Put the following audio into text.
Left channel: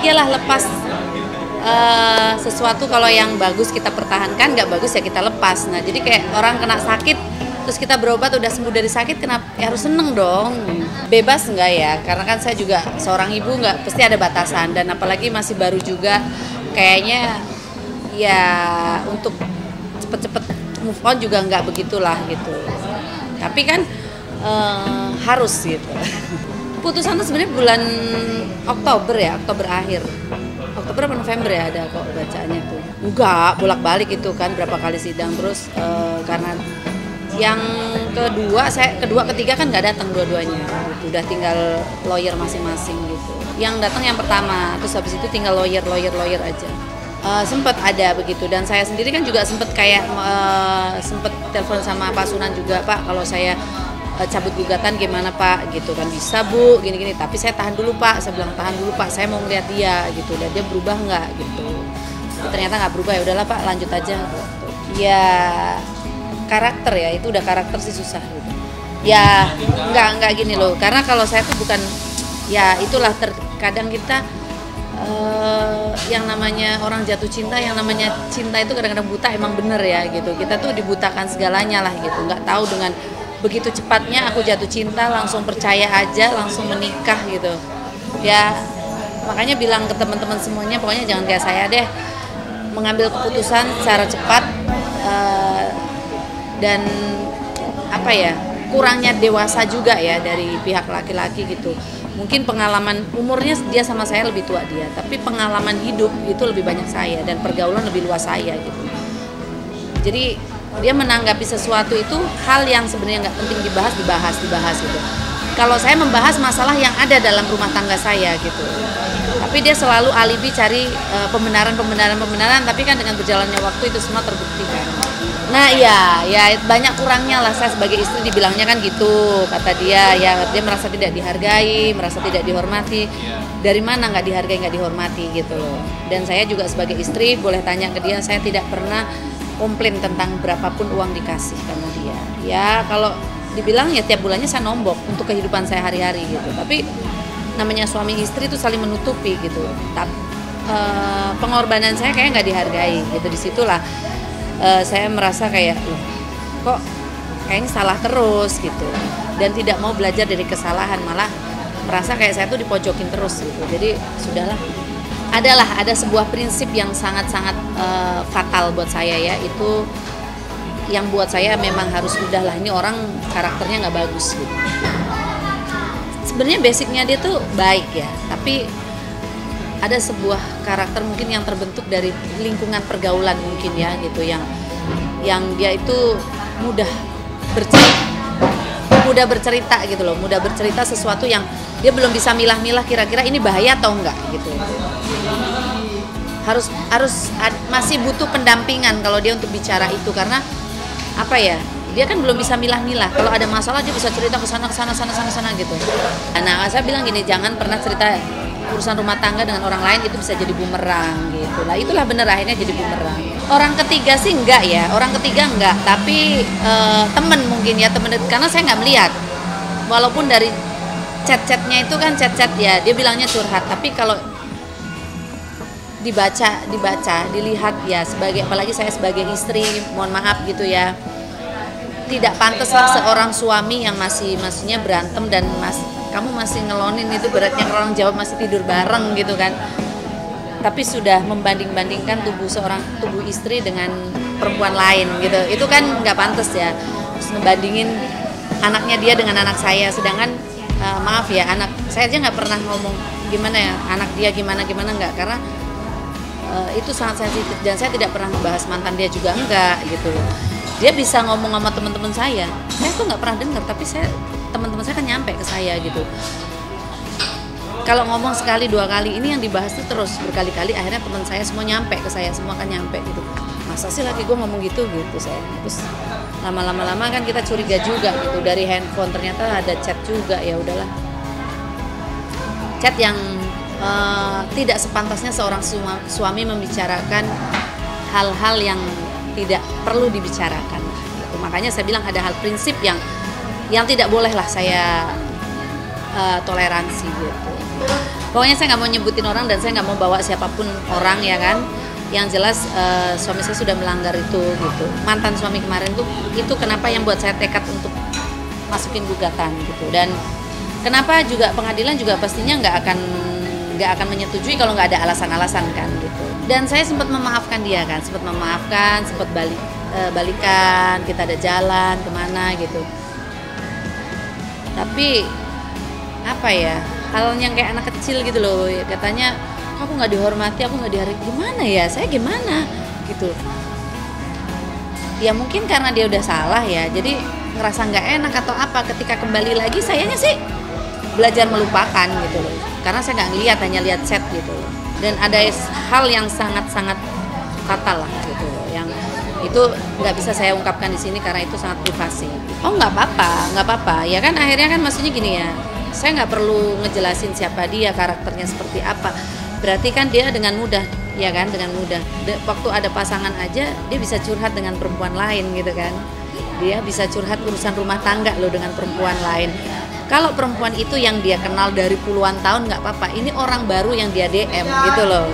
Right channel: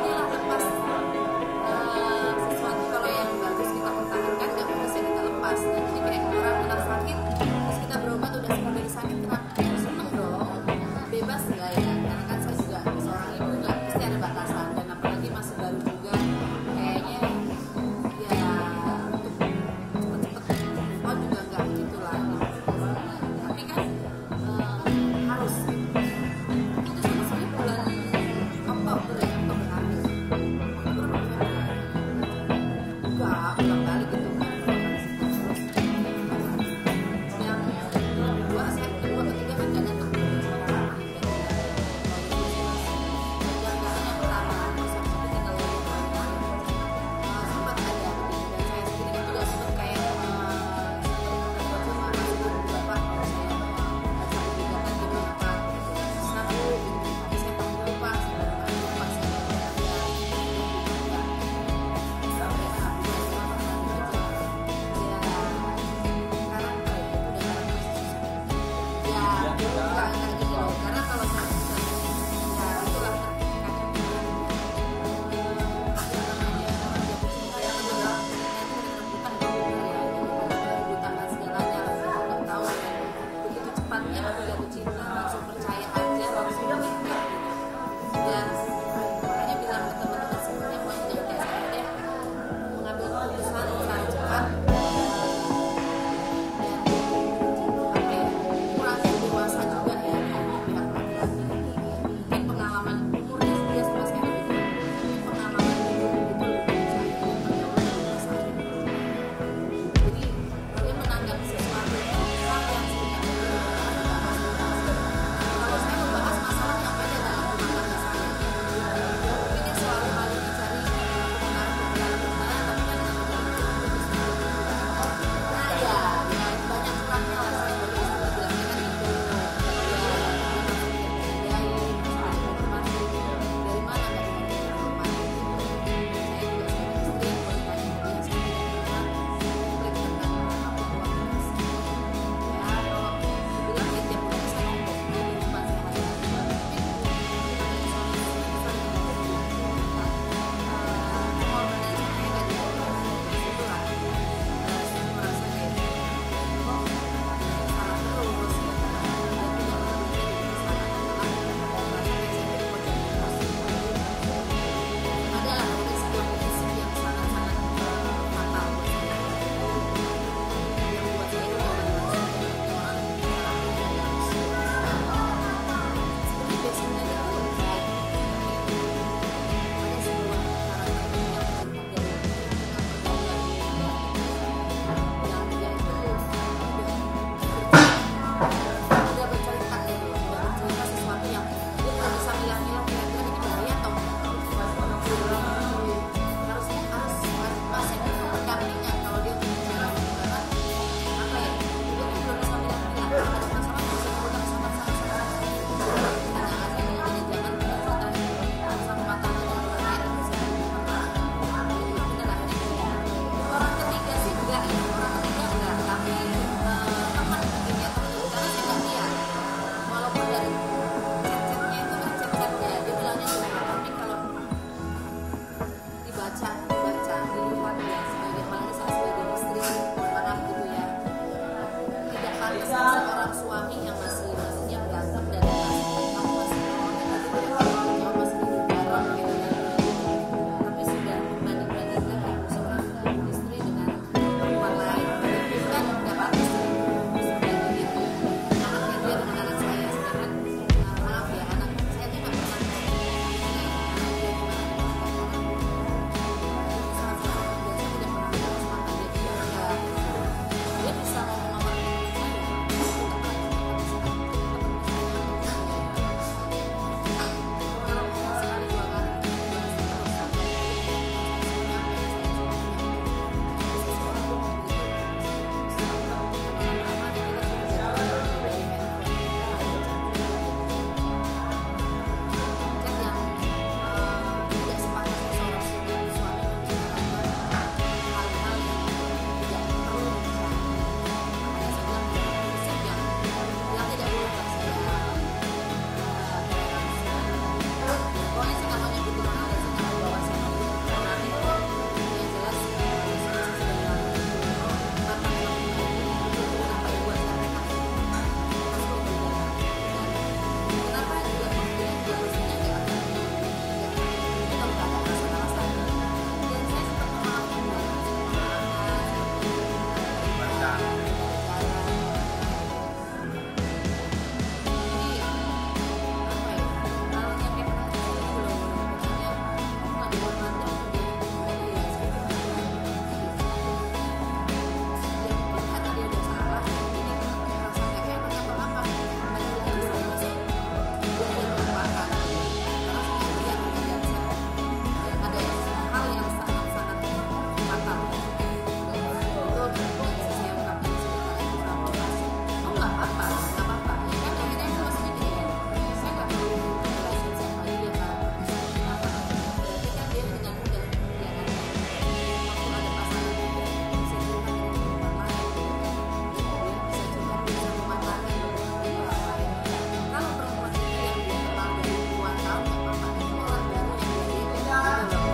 iyalah lepas sesuatu, kalau yang bagus kita pertahankan, nggak bagus ya kita lepas. Nah jadi kayak orang kena sakit terus kita berobat udah sembuh dari sakit, kenapa ya harus seneng dong. Bebas nggak ya, karena kan saya juga seorang ibu, nggak pasti ada batasan, dan apalagi masih baru juga, kayaknya ya untuk cepet-cepet move on juga nggak begitulah gitu. Tapi kan harus gitu. Putusannya sebenarnya bulan Oktober ya, Oktober akhir. Oktober atau November ya, ada kok bacaannya tuh. Enggak, bolak-balik itu kan berapa kali sidang terus, karena yang kedua ketiga kan nggak datang dua-duanya. Udah tinggal lawyer masing-masing gitu. Yang datang yang pertama, terus habis itu tinggal lawyer aja. Sempat ada begitu, dan saya sendiri kan juga sempat kayak sempat telepon sama Pak Sunan juga, Pak kalau saya cabut gugatan gimana Pak gitu kan. Bisa Bu, gini-gini, tapi saya tahan dulu Pak, saya bilang tahan dulu Pak, saya mau ngeliat dia gitu, dan dia berubah nggak gitu. Ternyata nggak berubah, ya udahlah Pak lanjut aja. Ya karakter ya, itu udah karakter sih susah gitu. Ya nggak gini loh, karena kalau saya tuh bukan, ya itulah terkadang kita yang namanya orang jatuh cinta, yang namanya cinta itu kadang-kadang buta, emang bener ya gitu. Kita tuh dibutakan segalanya lah gitu, nggak tahu dengan begitu cepatnya aku jatuh cinta langsung percaya aja, langsung menikah gitu. Ya makanya bilang ke teman-teman semuanya, pokoknya jangan kayak saya deh, mengambil keputusan secara cepat dan apa ya, kurangnya dewasa juga ya dari pihak laki-laki gitu. Mungkin pengalaman umurnya dia sama saya lebih tua dia, tapi pengalaman hidup itu lebih banyak saya dan pergaulan lebih luas saya gitu. Jadi dia menanggapi sesuatu itu hal yang sebenarnya nggak penting dibahas gitu. Kalau saya membahas masalah yang ada dalam rumah tangga saya gitu, tapi dia selalu alibi cari pembenaran, tapi kan dengan berjalannya waktu itu semua terbukti. Nah ya banyak kurangnya lah, saya sebagai istri dibilangnya kan gitu, kata dia, ya dia merasa tidak dihargai, merasa tidak dihormati. Dari mana nggak dihargai, nggak dihormati gitu loh. Dan saya juga sebagai istri boleh tanya ke dia, saya tidak pernah komplain tentang berapapun uang dikasih sama dia. Ya kalau dibilang ya tiap bulannya saya nombok untuk kehidupan saya hari-hari gitu. Tapi namanya suami istri itu saling menutupi gitu. Tapi pengorbanan saya kayaknya nggak dihargai gitu. Disitulah saya merasa kayak kok kayaknya salah terus gitu. Dan tidak mau belajar dari kesalahan, malah merasa kayak saya tuh dipojokin terus gitu. Jadi sudahlah. Ada sebuah prinsip yang sangat-sangat fatal buat saya ya, itu yang buat saya memang harus udahlah, ini orang karakternya nggak bagus. Sebenarnya basicnya dia tuh baik ya, tapi ada sebuah karakter mungkin yang terbentuk dari lingkungan pergaulan mungkin ya gitu, yang dia itu mudah bercerita gitu loh, mudah bercerita sesuatu yang dia belum bisa milah-milah kira-kira ini bahaya atau enggak gitu. Harus masih butuh pendampingan kalau dia untuk bicara itu, karena apa ya, dia kan belum bisa milah-milah. Kalau ada masalah dia bisa cerita ke sana gitu. Nah saya bilang gini, jangan pernah cerita urusan rumah tangga dengan orang lain, itu bisa jadi bumerang gitu. Nah itulah bener, akhirnya jadi bumerang. Orang ketiga sih enggak ya, tapi temen mungkin ya, temen, karena saya nggak melihat, walaupun dari chat-chatnya itu kan chat-chat ya, dia bilangnya curhat, tapi kalau dibaca, dilihat ya, sebagai, apalagi saya sebagai istri, mohon maaf gitu ya, tidak pantaslah seorang suami yang maksudnya berantem dan kamu masih ngelonin, itu beratnya orang Jawa masih tidur bareng gitu kan. Tapi sudah membanding-bandingkan tubuh istri dengan perempuan lain gitu, itu kan nggak pantas ya. Terus ngebandingin anaknya dia dengan anak saya, sedangkan maaf ya, anak saya aja nggak pernah ngomong gimana ya anak dia gimana nggak, karena itu sangat sensitif, dan saya tidak pernah membahas mantan dia juga enggak gitu. Dia bisa ngomong sama teman-teman saya tuh nggak pernah dengar, tapi teman-teman saya kan nyampe ke saya gitu. Kalau ngomong sekali dua kali, ini yang dibahas itu terus berkali-kali, akhirnya teman saya semua nyampe ke saya, semua kan nyampe gitu. Masa sih lagi gue ngomong gitu saya. Terus lama-lama kan kita curiga juga gitu, dari handphone ternyata ada chat juga. Ya udahlah, chat yang tidak sepantasnya seorang suami membicarakan hal-hal yang tidak perlu dibicarakan. Makanya saya bilang ada hal prinsip yang tidak bolehlah saya toleransi gitu. Pokoknya saya nggak mau nyebutin orang dan saya nggak mau bawa siapapun orang ya kan. Yang jelas suami saya sudah melanggar itu gitu. Mantan suami kemarin tuh itu kenapa yang buat saya tekad untuk masukin gugatan gitu. Dan kenapa juga pengadilan juga pastinya nggak akan menyetujui kalau nggak ada alasan-alasan kan gitu. Dan saya sempat memaafkan dia kan, sempat balikan, kita ada jalan kemana gitu. Tapi apa ya, hal yang kayak anak kecil gitu loh, katanya aku nggak dihormati, aku nggak dihargai, gimana ya, saya gimana gitu. Ya mungkin karena dia udah salah ya, jadi ngerasa nggak enak atau apa, ketika kembali lagi sayanya sih belajar melupakan gitu loh, karena saya nggak ngeliat, hanya lihat chat gitu loh. Dan ada hal yang sangat-sangat fatal lah gitu, yang itu nggak bisa saya ungkapkan di sini karena itu sangat privasi. Oh nggak apa-apa, ya kan akhirnya kan maksudnya gini ya, saya nggak perlu ngejelasin siapa dia, karakternya seperti apa. Berarti kan dia dengan mudah, ya kan, dengan mudah. Waktu ada pasangan aja dia bisa curhat dengan perempuan lain gitu kan. Dia bisa curhat urusan rumah tangga loh dengan perempuan lain. Kalau perempuan itu yang dia kenal dari puluhan tahun nggak apa-apa. Ini orang baru yang dia DM gitu loh.